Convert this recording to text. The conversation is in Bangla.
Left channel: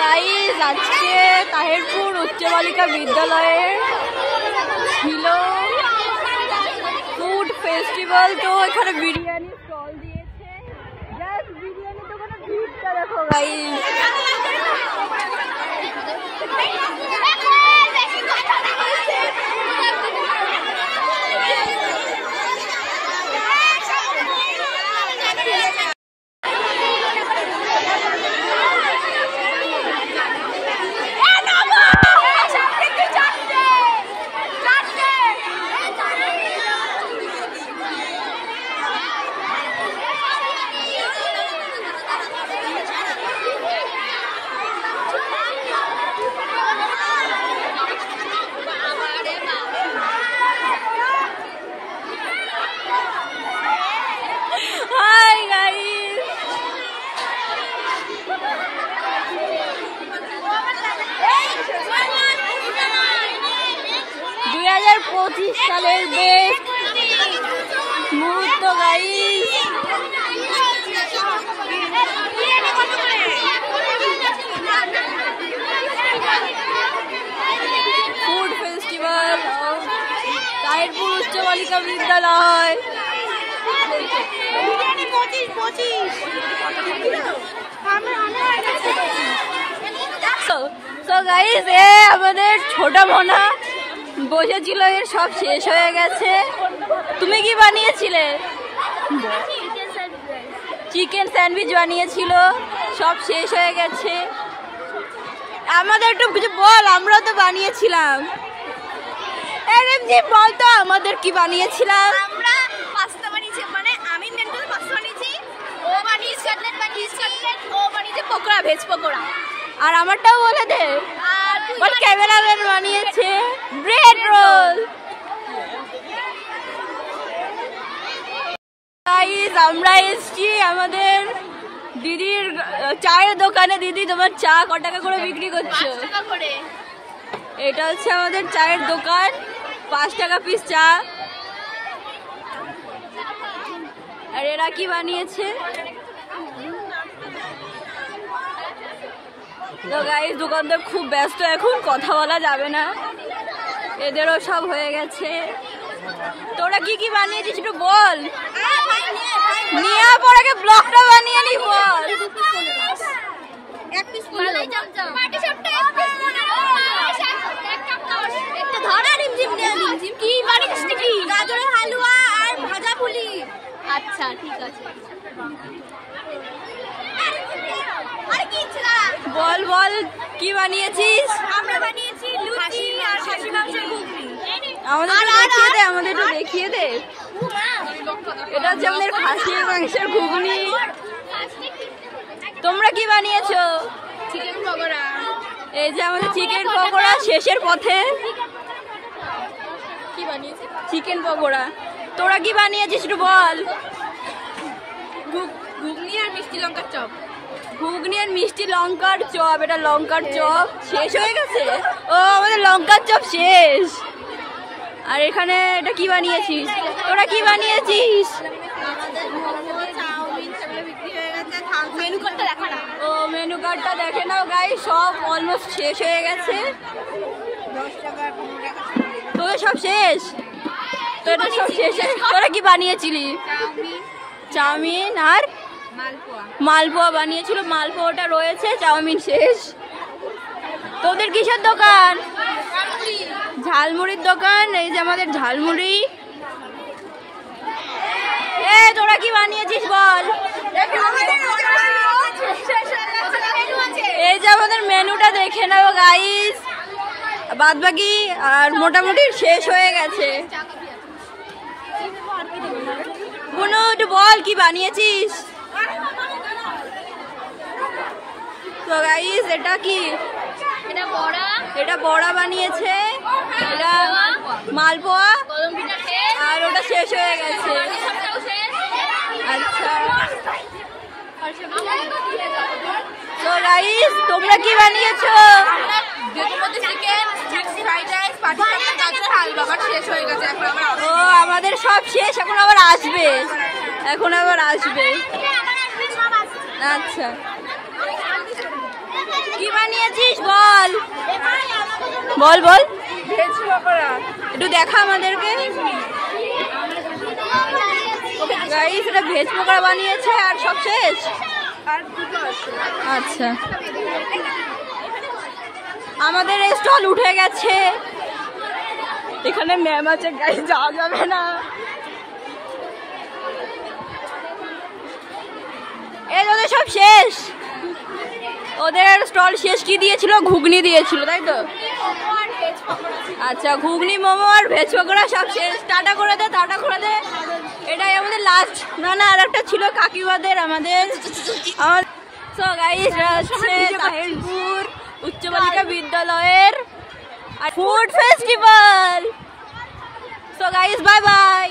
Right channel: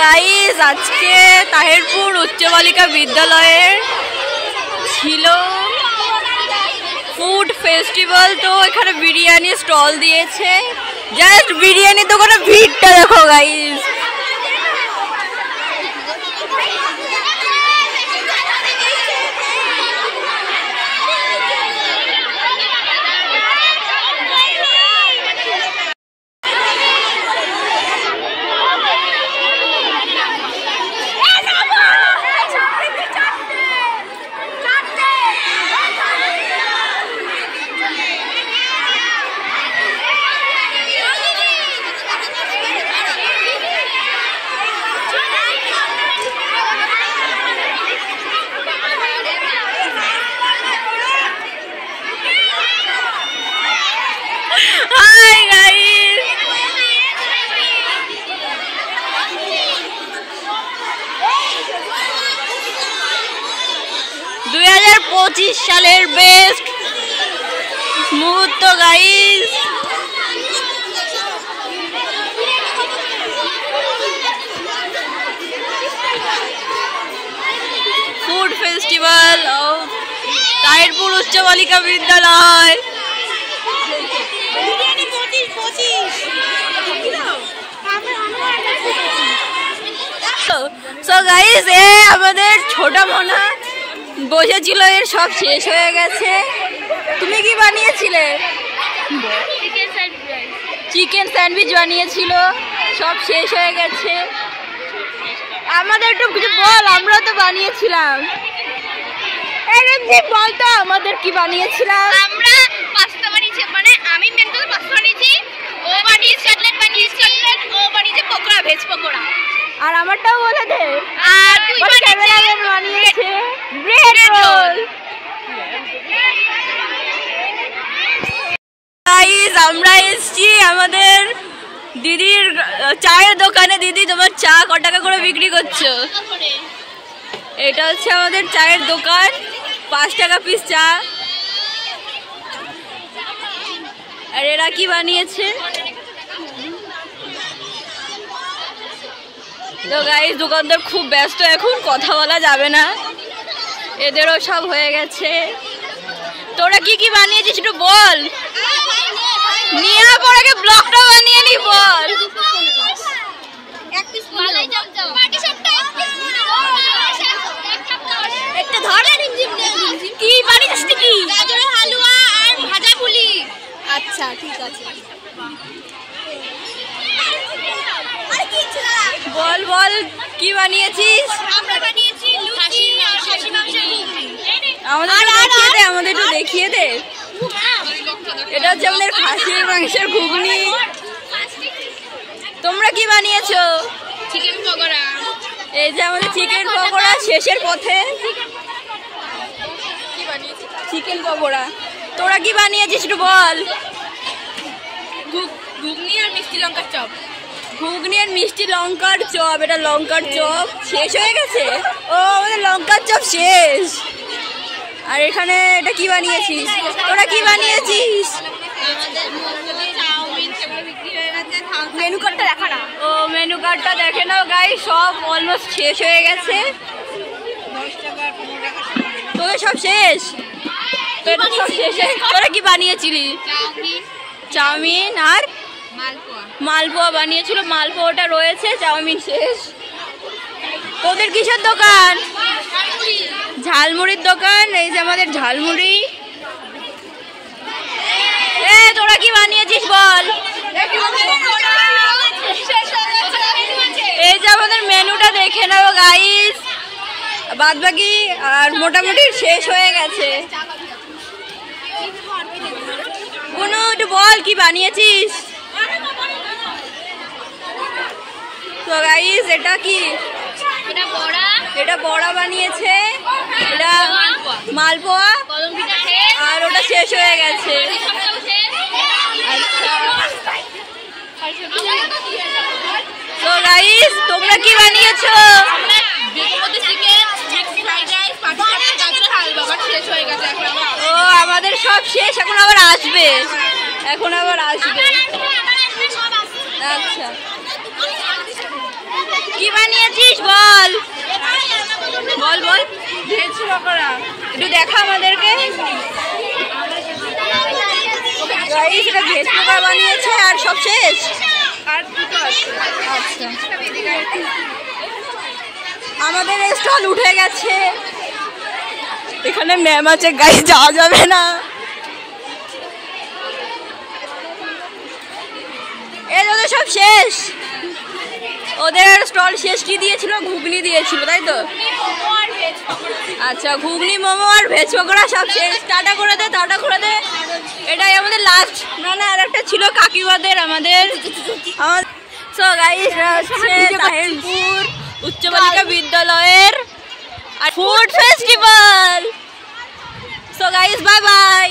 গাইস আজকে তাহিরপুর উচ্চ বালিকা বিদ্যালয়ের ছিল ফুড ফেস্টিভ্যাল। তো এখানে বিরিয়ানি স্টল দিয়েছে। জাস্ট বিরিয়ানি দোকানে ভিড়টা দেখো গাইস। Hi guys! 2025 সালের বেস্ট মুহূর্ত guys. Food festival of Tahirpur উচ্চ বালিকা বিদ্যালয়। সো গাইস এ আমাদের ছোট বোনা বসেছিল, এর সব শেষ হয়ে গেছে। তুমি কি বানিয়েছিলে? চিকেন স্যান্ডউইচ বানিয়েছিল, সব শেষ হয়ে গেছে। আমাদের একটু কিছু বল, আমরা তো বানিয়েছিলাম। বল তো আমাদের কি বানিয়েছিলাম? আমরা পাস্তা বানিয়েছি, মানে আমি মেন করে পাস্তা বানিয়েছি, ও বানিয়েছে কাটলেট বানিয়েছে, ও বানিয়েছে পকোড়া, ভেজ পকোড়া। আর আমারটাও বলে দে। আর তুই ক্যামেরাম্যান বানিয়েছে ব্রেড রোল। গাইস আমরা এসেছি আমাদের দিদির চায়ের দোকানে। দিদি তোমার চা কত টাকা করে বিক্রি করছো? এটা হচ্ছে আমাদের চায়ের দোকান, 5 টাকা পিস চা। আর এরা কি বানিয়েছে? তো গাইস দোকানদার খুব ব্যস্ত, এখন কথা বলা যাবে না। এদেরও সব হয়ে গেছে। তোরা কি কি বানিয়েছিস একটু বল। নিয়ে পর আগে ব্লগটা বানিয়ে নি বল। কি বানিয়েছিস কি? গাজরের হালুয়া আর ভাজা পুলি। আচ্ছা ঠিক আছে, বল বল কি বানিয়েছিস? আমরা বানিয়েছি লুচি আর খাসি মাংসের ঘুগনি। আমাদের একটু দেখিয়ে দে, আমাদের একটু দেখিয়ে দে। এটা হচ্ছে আমাদের খাসির মাংসের ঘুগনি। তোমরা কি বানিয়েছো? চিকেন পকোড়া। এই যে আমাদের চিকেন পকোড়া শেষের পথে। চিকেন পকোড়া। তোরা কি বানিয়েছিস একটু বল। ঘুগনি আর মিষ্টি লঙ্কার চপ। ঘুগনি আর মিষ্টি লঙ্কার চপ। এটা লঙ্কার চপ শেষ হয়ে গেছে। ও আমাদের লঙ্কার চপ শেষ। আর এখানে এটা কি বানিয়েছিস? তোরা কি বানিয়েছিস? আমাদের মোমো, চাউমিন সেগুলো বিক্রি হয়ে গেছে। মেনু কার্ডটা দেখা না। ও মেনু কার্ডটা দেখে নাও গাইস, সব অলমোস্ট শেষ হয়ে গেছে। 10 টাকা 15 টাকা তোদের সব শেষ? তোদের সব শেষ। তোরা কি বানিয়েছিলি? চাউমিন, চাউমিন আর মালপোয়া। মালপোয়া বানিয়েছিল। মালপোয়াটা রয়েছে, চাউমিন শেষ। তোদের কিসের দোকান? ঝালমুড়ির দোকান। এই যে আমাদের ঝালমুড়ি। এ তোরা কি বানিয়েছিস বল। এই যে আমাদের মেনুটা দেখে নাও গাইস, বাদ বাকি আর মোটামুটি শেষ হয়ে গেছে। কোনো একটু বল কি বানিয়েছিস? তো গাইস এটা কি? এটা বড়া। এটা বড়া বানিয়েছে। এটা মালপোয়া। আর ওটা শেষ হয়ে গেছে। আচ্ছা তো গাইস তোমরা কি বানিয়েছো? ও আমাদের সব শেষ, এখন আবার আসবে। আচ্ছা কি বানিয়েছিস বল বল বল। ভেজ পকোড়া একটু দেখা আমাদেরকে। গাইস এটা ভেজ পকোড়া বানিয়েছে আর সব শেষ। আচ্ছা আমাদের স্টল উঠে গেছে। এখানে ম্যাম আছে গাইস, যাওয়া যাবে না। এই ওদের সব শেষ, ওদের স্টল শেষ। কি দিয়েছিল? ঘুগনি দিয়েছিল তাই তো? আচ্ছা ঘুগনি মোমো আর ভেজ পকোড়া সব শেষ। টাটা করে দে, টাটা করে দে। এটাই আমাদের লাস্ট। না না আর একটা ছিল কাকিমাদের আমাদের। সো গাইস হচ্ছে তাহিরপুর উচ্চ বালিকা বিদ্যালয়ের food festival. So guys bye bye.